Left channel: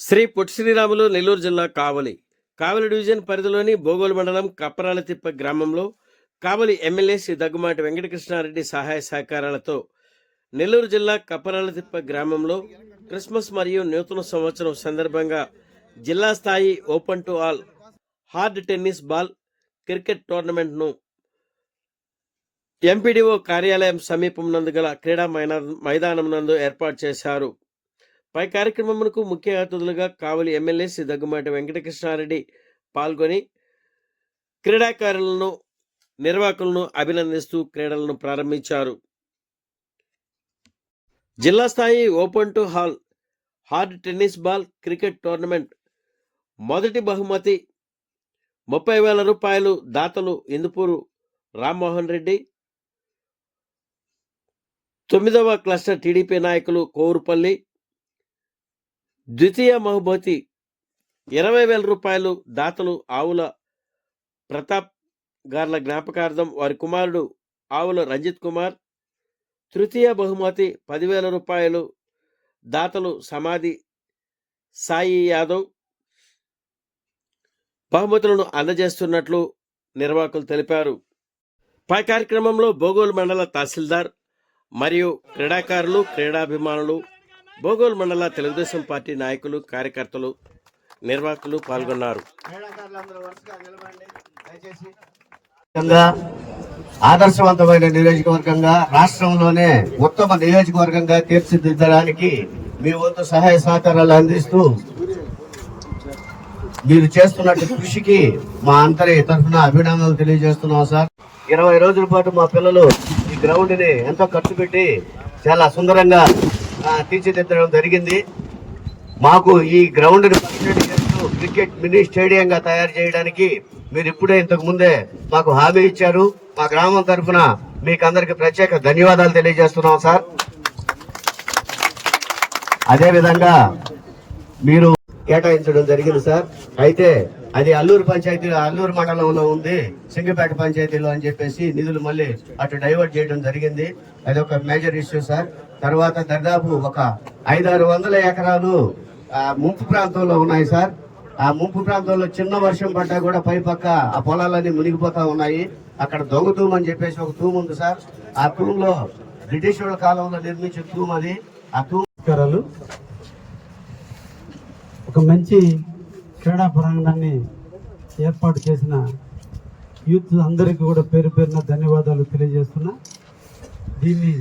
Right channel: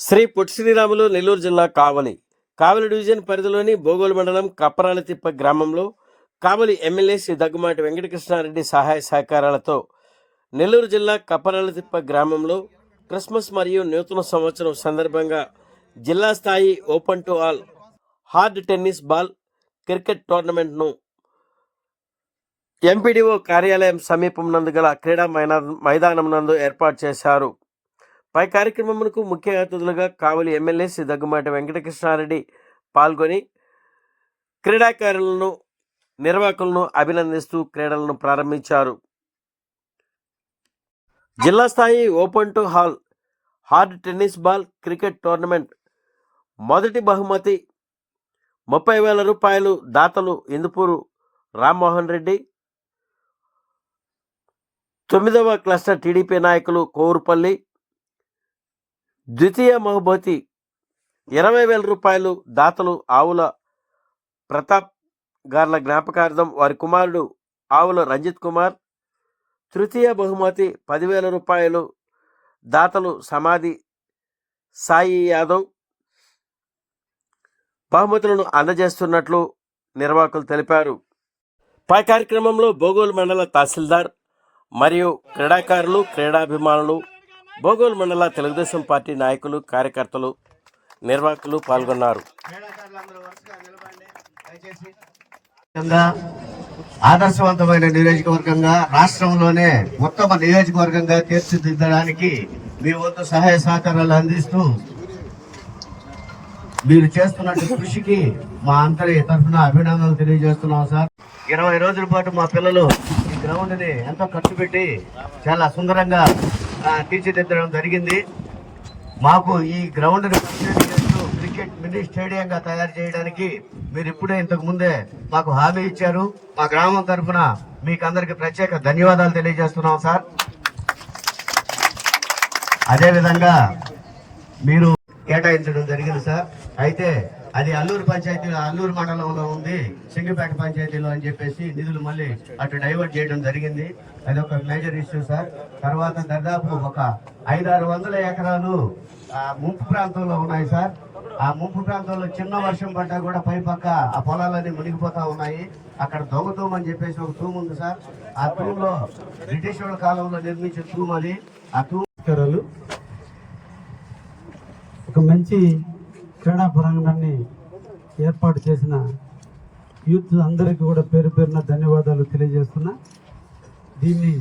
శ్రీ పొట్టి శ్రీరాములు నెల్లూరు జిల్లా కావలి డివిజన్ పరిధిలోని బోగోలు మండలం కప్పరాలతిప్ప గ్రామంలో కావలి ఎమ్మెల్యే శ్రీ దగ్గుమాటి వెంకటకృష్ణారెడ్డి సహాయ సహకారాలతో నెల్లూరు జిల్లా కప్పరాలతిప్ప గ్రామంలో క్రిస్మస్ మరియు నూతన సంవత్సరం సందర్భంగా జిల్లా స్థాయి open to all hard tennis ball cricket టోర్నమెంట్ను ఎంపీడీఓ కార్యాలయం సమీపం నందు గల క్రీడా మైదానం నందు ఏర్పాటు చేశారు. పై కార్యక్రమంకు ముఖ్య అతిథులుగా కావలి ఎమ్మెల్యే శ్రీ దగ్గుమాటి వెంకటకృష్ణారెడ్డి పాల్గొని క్రీడాకారులను నిర్వాహకులను అభినందిస్తూ క్రీడలను ప్రారంభించారు. జిల్లా స్థాయి open to hall hard tennis ball cricket tournament మొదటి బహుమతి 30,000 రూపాయలు దాతలు ఇందుపూరు రామ్మోహన్ రెడ్డి, 9వ క్లస్టర్ టీడీపీ నాయకులు కోరుపల్లి, ద్వితీయ బహుమతి 20,000 రూపాయలు దాతలు ఆవుల ప్రతాప్ గార్ల జ్ఞాపకార్థం వారి కుమారుడు ఆవుల రంజిత్ కుమార్, తృతీయ బహుమతి 10,000 రూపాయలు దాతలు సమాధి సాయి యాదవ్ బహుమతులను అందజేస్తున్నట్లు నిర్వాహకులు తెలిపారు. పై కార్యక్రమంలో బోగోలు మండల తహసీల్దార్ మరియు క్రీడాకారులు, క్రీడాభిమానులు, బోగోలు మండల తెలుగుదేశం పార్టీ నాయకులు, కార్యకర్తలు, నిర్వాహకులు పాల్గొన్నారు. ఆదర్శవంతమైన నియోజకవర్గంగా రాష్ట్రంలోనే ఉత్తమ నియోజకవర్గంగా తీర్చిదిద్దడానికి మీ వంతు సహాయ సహకారాలు అందిస్తూ మీరు చేస్తున్నట్టు కృషికి మా అందరి తరఫున అభినందనలు తెలియజేస్తున్నాం సార్. 20 రోజుల పాటు మా పిల్లలు ఈ గ్రౌండ్ ని ఎంతో ఖర్చు పెట్టి చాలా సుందరంగా తీర్చిదిద్దడం జరిగింది. మాకు ఈ గ్రౌండ్ ని క్రికెట్ మినీ స్టేడియంగా తయారు చేయడానికి మీరు ఇప్పుడే ఇంతకు ముందే మాకు హామీ ఇచ్చారు. మా గ్రామం తరఫున మీకు అందరికి ప్రత్యేక ధన్యవాదాలు తెలియజేస్తున్నాం సార్. అదేవిధంగా మీరు కేటాయించడం జరిగింది సార్. అయితే అది అల్లూరు పంచాయతీ, అల్లూరు మండలంలో ఉంది, సింగపేట పంచాయతీలో అని చెప్పేసి నిధులు మళ్ళీ అటు డైవర్ట్ చేయడం జరిగింది. అది ఒక మేజర్ ఇష్యూ సార్. తర్వాత దాదాపు ఒక 500-600 ఎకరాలు ముంపు ప్రాంతంలో ఉన్నాయి సార్. ఆ ముంపు ప్రాంతంలో చిన్న వర్షం పడ్డా కూడా పై పక్క ఆ పొలాలన్నీ మునిగిపోతా ఉన్నాయి. అక్కడ దొంగ తూము అని చెప్పేసి ఒక తూము ఉంది సార్. ఆ తూములో బ్రిటిష్ వాళ్ళ కాలంలో నిర్మించిన తూము అది. ఆ తూము ఒక మంచి క్రీడా ప్రాంగణాన్ని ఏర్పాటు చేసిన యూత్ అందరికీ కూడా పేరు పేరున ధన్యవాదాలు తెలియజేస్తున్నా. దీన్ని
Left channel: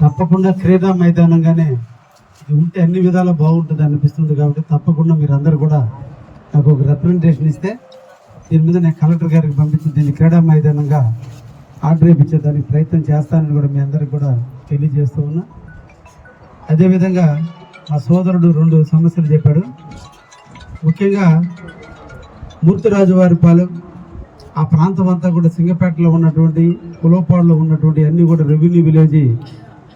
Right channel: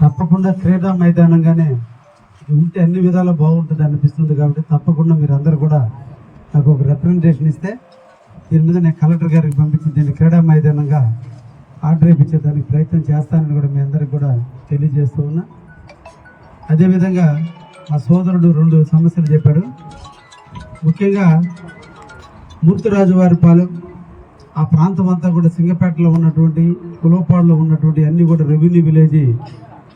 తప్పకుండా క్రీడా మైదానంగానే ఉంటే అన్ని విధాలా బాగుంటుంది అనిపిస్తుంది. కాబట్టి తప్పకుండా మీరు అందరూ కూడా నాకు ఒక రిప్రజెంటేషన్ ఇస్తే దీని మీద నేను కలెక్టర్ గారికి పంపించి దీన్ని క్రీడా మైదానంగా ఆర్డర్ ఇప్పించేదానికి ప్రయత్నం చేస్తానని కూడా మీ అందరికి కూడా తెలియజేస్తూ ఉన్నా. అదేవిధంగా ఆ సోదరుడు 2 సమస్యలు చెప్పాడు. ముఖ్యంగా మూర్తిరాజువారిపాలెం ఆ ప్రాంతం అంతా కూడా సింగపేటలో ఉన్నటువంటి, కులోపాడులో ఉన్నటువంటి అన్ని కూడా రెవెన్యూ విలేజ్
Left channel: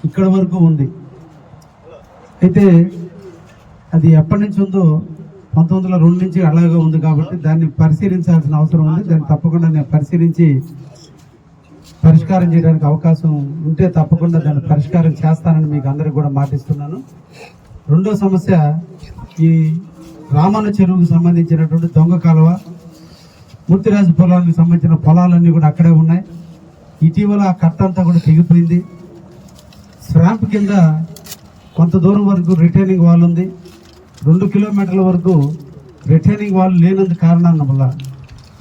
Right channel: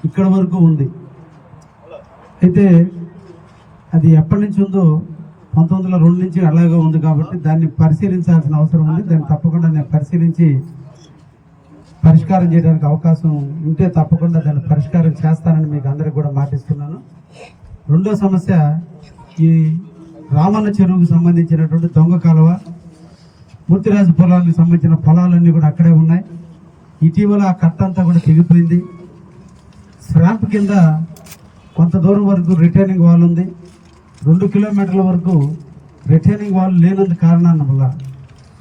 ఇక్కడ వరకు ఉంది. అయితే అది ఎప్పటి నుంచి ఉందో 1902 నుంచి అలాగే ఉంది. కాబట్టి దాన్ని పరిశీలించాల్సిన అవసరం ఉంది. దాన్ని తప్పకుండా నేను పరిశీలించి పరిష్కారం చేయడానికి అవకాశం ఉంటే తప్పకుండా దాన్ని పరిష్కారం చేస్తానని మీకు అందరికి కూడా మాటిస్తున్నాను. రెండో సమస్య ఈ రామన్న చెరువుకు సంబంధించినటువంటి దొంగ కాలువ, మూర్తిరాజు పొలానికి సంబంధించిన పొలాలన్నీ కూడా అక్కడే ఉన్నాయి. ఇటీవల ఆ కట్ట అంతా కూడా తెగిపోయింది. స్వాంప్ కింద కొంత దూరం వరకు రిటైనింగ్ వాల్ ఉంది. 2 కిలోమీటర్ల వరకు రిటైనింగ్ వాల్ లేనందు కారణాల వల్ల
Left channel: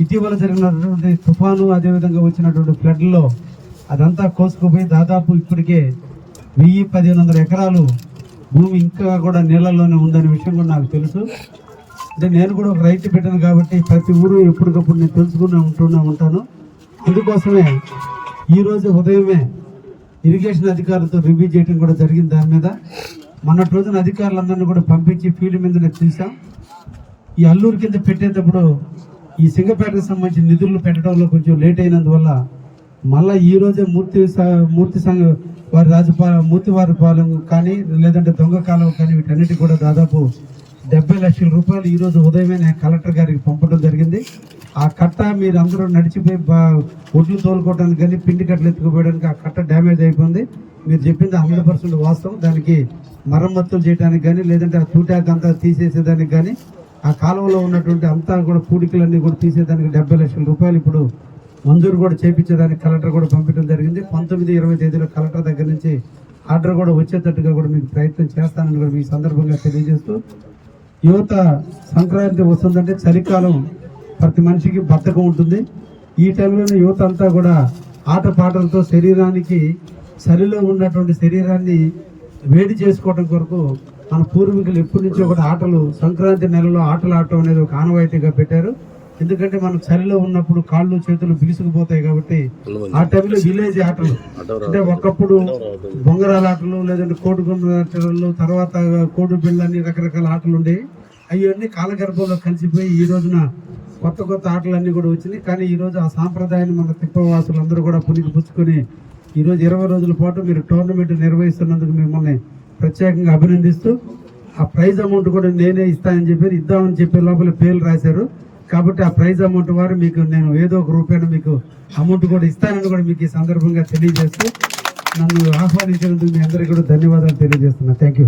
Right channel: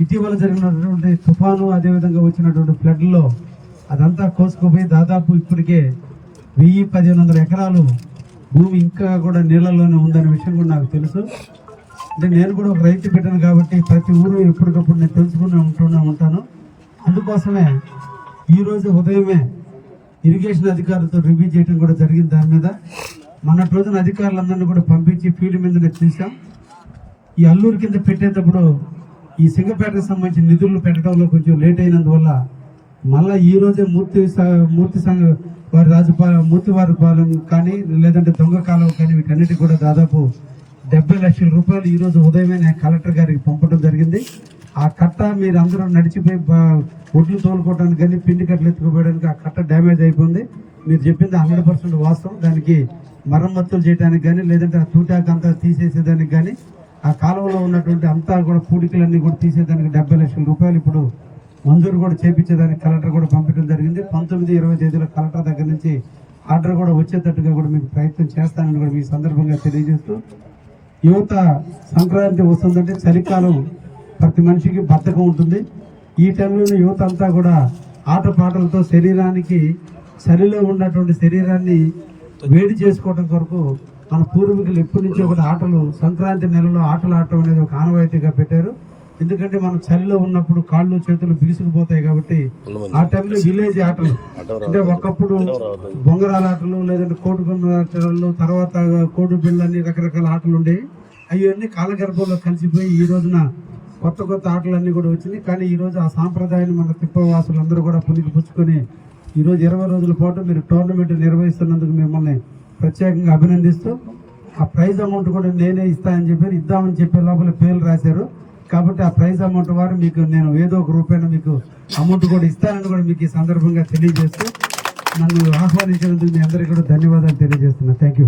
ఇటీవల జరిగినటువంటి తుఫాను, అదేవిధంగా వచ్చినటువంటి ఫ్లడ్లో అదంతా కోసుకుపోయి దాదాపు ఇప్పటికే 1000-1500 ఎకరాలు భూమి ఇంకా కూడా నీళ్ళలోనే ఉందనే విషయం కూడా నాకు తెలుసు. అంటే నేను కూడా ఒక రైతు బిడ్డను కాబట్టి ప్రతి ఊరు ఎప్పటికప్పుడు నేను తెలుసుకుని ఉంటాను. ఇందుకోసమే ఈరోజు ఉదయమే ఇరిగేషన్ అధికారులతో రివ్యూ చేయడం కూడా జరిగింది. దాని మీద మొన్నటి రోజున అధికారులందరినీ కూడా పంపించి ఫీల్డ్ మీద చూసాం. ఈ అల్లూరు కింద పెట్టేటప్పుడు ఈ సింగపేటకు సంబంధించిన నిధులు పెట్టడంలో కొంచెం లేట్ అయినందువల్ల మళ్ళీ ఈ రోజే మూర్తివారి పాలెం కానీ లేదంటే దొంగ కాలం కానీ వీటన్నిటి కూడా దాదాపు 70 లక్షల రూపాయలు ఈ రోజు ఉదయమే నేను కలెక్టర్ గారికి పంపడం జరిగింది. ఆ కట్ట మీరు అందరూ నడిచిపోయి ఒడ్లు తోలుకోవడానికి కానీ పిండి కట్టలు ఎత్తుకుపోయడానికి ఆ కట్ట డ్యామేజ్ అయిపోయింది. మీరు చెప్పింది 100% వాస్తవం. దానికి మరమ్మతులు చేయడానికి కానీ లేదంటే ఆ తూటాక అంతా తీసేసేదానికి కానీ ఆ కాలువలో ఉన్నటువంటి అంతా కూడా పూడికలన్నీ కూడా తీసేదానికి 70 లక్షల రూపాయలు ఇప్పుడు మంజూరు కూడా చేపించేదానికి కలెక్టర్ కూడా పంపించడం జరిగింది. 19-20 తేదీలో కలెక్టర్ దగ్గర నుంచి ఆర్డర్ కూడా వచ్చేటట్టుగా కూడా మీకు ప్రయత్నం చేస్తానని కూడా ఈ సందర్భంగా తెలియజేస్తూ, యువత సంక్రాంతి వస్తుందంటే చలికాలం ప్రతి మనిషికి బద్ధకం ఉంటుంది. ఈ టైంలో యువత అంతా కూడా ఆటపాటలతో శరీరానికి చలిలో ఉన్నటువంటి శరీరాన్ని వేడి చేసుకోవడం కొరకు మన పూర్వీకులు ఎప్పటి నుంచో కూడా ఆటలు సంక్రాంతి నెలలో ఆటలు ఆడటం అనేది ఒక ఆనవాయితీగా పెట్టారు. ఎందుకంటే మనం చలిలో ఉన్నప్పుడు కాళ్ళు చేతులు బిగుసుకుపోతాయి కాబట్టి ఆ టైంలో విలేజ్ ఆటలు అంటే ఒకప్పుడు బొంగరాల ఆటలు లేదంటే కోడిగుండు ఆటలు తర్వాత కోడి బిళ్ళని రకరకాల ఆటలు ఉండేవి. అవన్నీ కాలగర్భంలో కలిసిపోయి ఈ రోజున కొత్త కొత్త ఆటలన్నీ కూడా వచ్చినాయి. కానీ ఈ రోజు ఆ సాంప్రదాయాన్ని మన తిప్పవాసులు అందరూ కూడా పుచ్చుకొని ఈ రోజు 20 రోజుల పాటు మీరు టోర్నమెంట్ నిర్వహిస్తున్నందుకు మిమ్మల్ని ప్రత్యేకంగా అభినందిస్తూ, ఆ ప్రైజ్ అమౌంట్ కూడా నేనే ఇద్దామని చెప్పే లోపల పేర్లు రాశారు కాబట్టి ఆ ప్రైజ్ అమౌంట్ వారు మీకు నేను ఏదో ఒక రూపాయన మీకు అమౌంట్ కూడా ఇస్తానని కూడా మీకు ఈ సందర్భంగా తెలియజేస్తూ నన్ను ఆహ్వానించినందుకు మీ అందరికీ కూడా ధన్యవాదాలు తెలియజేస్తున్నా. Thank you.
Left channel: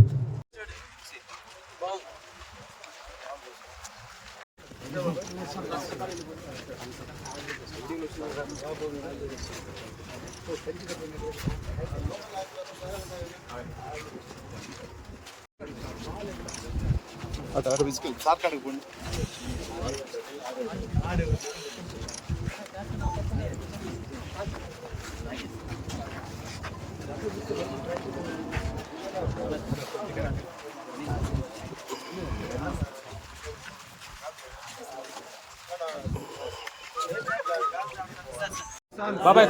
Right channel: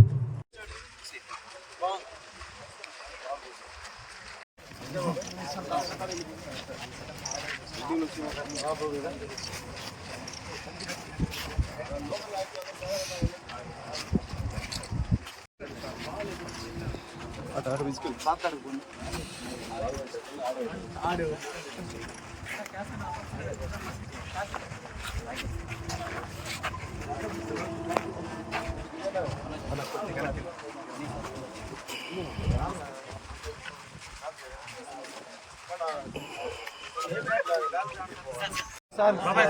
బాబాయ్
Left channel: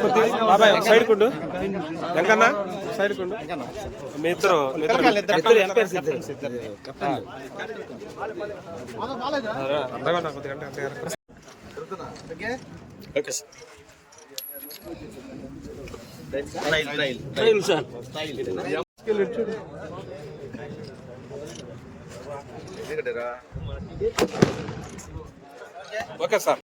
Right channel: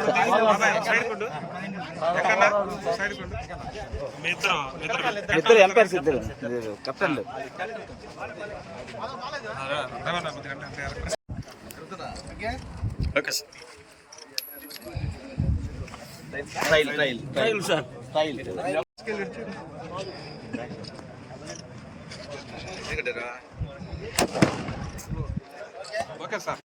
సైడ్ కుండు ఎంకన్నా సైడ్ కుండు మీ ఇద్దరు కెప్టెన్లు ఓకే సార్ ఓకే సార్